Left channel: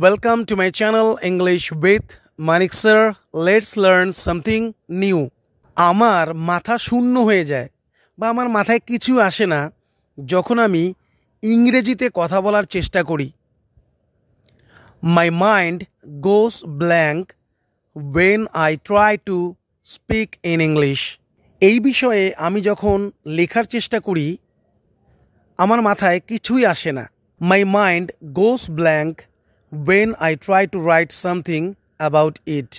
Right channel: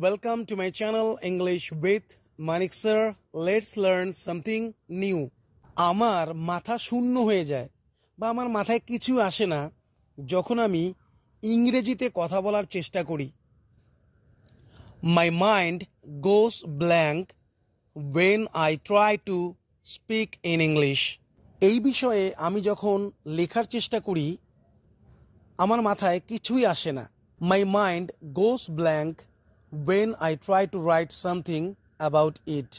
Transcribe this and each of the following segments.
welcome to my channel English with Manik sir. Let's learn something new. আমার মাথা শূন্য হয়ে যায় বা আমার মাথায় কিছু আসে না যখন আমি ইংরেজিতে কথা বলার চেষ্টা করি। My mind goes blank when I try to speak in English. এই বিষয়ে আমি যখন লেখার চেষ্টা করি আমার মাথায় কিছুই আসে না। My mind goes blank when I try to write something about it.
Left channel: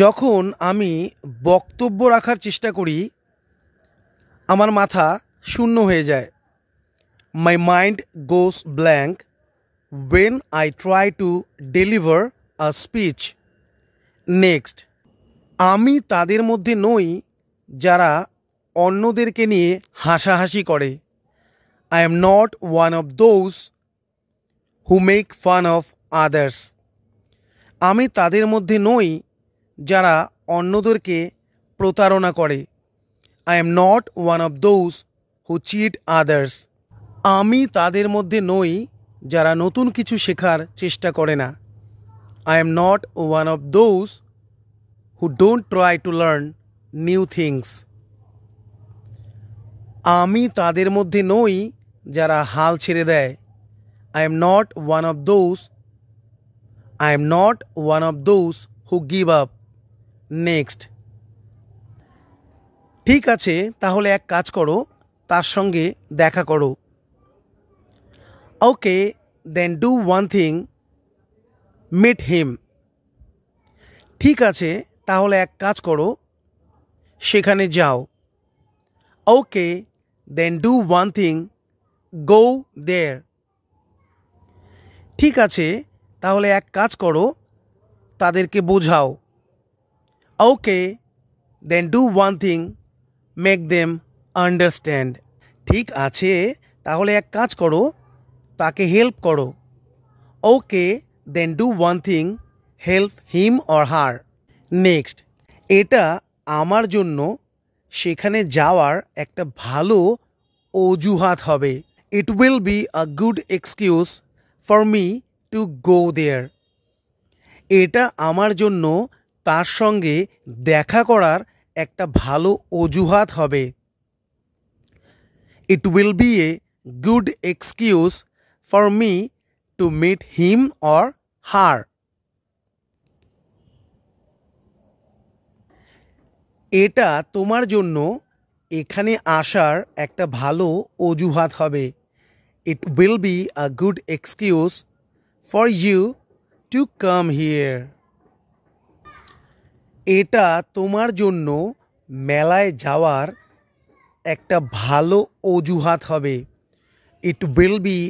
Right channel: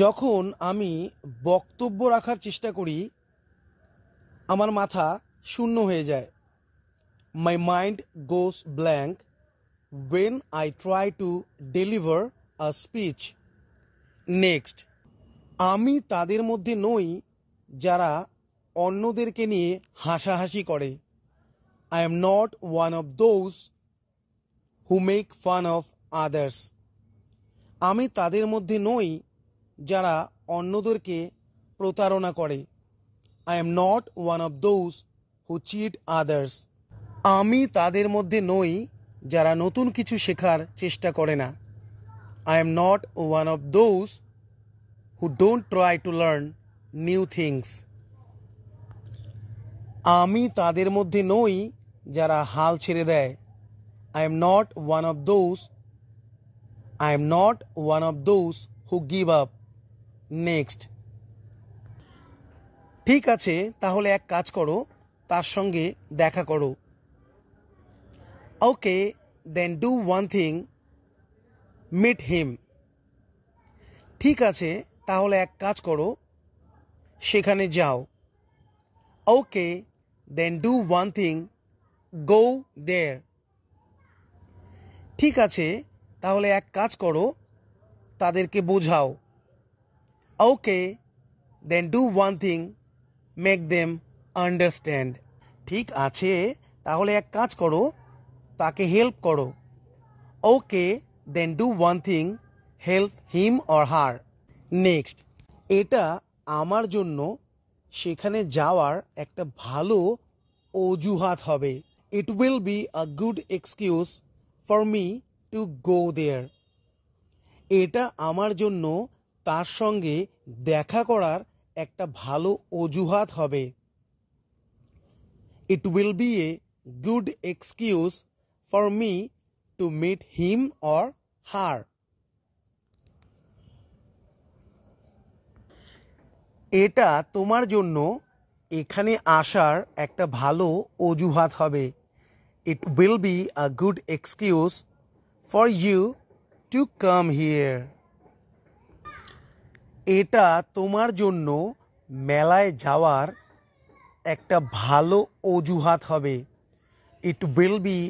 যখন আমি বক্তব্য রাখার চেষ্টা করি আমার মাথা শূন্য হয়ে যায়। My mind goes blank when I try to deliver a speech. Next, আমি তাদের মধ্যে নই যারা অন্যদেরকে নিয়ে হাসাহাসি করে। I am not one of those who make fun of others. আমি তাদের মধ্যে নই যারা অন্যদেরকে প্রতারণা করে। I am not one of those who cheat others. আমি তাদের মধ্যে নই যারা নতুন কিছু শেখার চেষ্টা করে না। I am not one of those who don't try to learn new things. আমি তাদের মধ্যে নই যারা হাল ছেড়ে দেয়। I am not one of those who give up. Next. ঠিক আছে, তাহলে এক কাজ করো, তার সঙ্গে দেখা করো। Okay, then do one thing, meet him. ঠিক আছে, তাহলে এক কাজ করো, সেখানে যাও। Okay, then do one thing, go there. ঠিক আছে, তাহলে এক কাজ করো, তাদেরকে বোঝাও। Okay, then do one thing, make them understand. ঠিক আছে, তাহলে এক কাজ করো, তাকে হেল্প করো। Okay, then do one thing, help him or her. Next, এটা আমার জন্য সেখানে যাওয়ার একটা ভালো অজুহাত হবে। It will be a good excuse for me to go there. এটা আমার জন্য তার সঙ্গে দেখা করার একটা ভালো অজুহাত হবে। It will be a good excuse for me to meet him or her. এটা তোমার জন্য এখানে আসার একটা ভালো অজুহাত হবে। It will be a good excuse for you to come here. এটা তোমার জন্য মেলায় যাওয়ার একটা ভালো অজুহাত হবে। It will be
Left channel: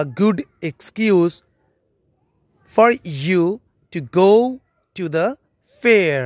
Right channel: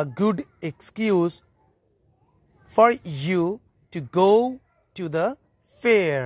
a good excuse for you to go to the fair.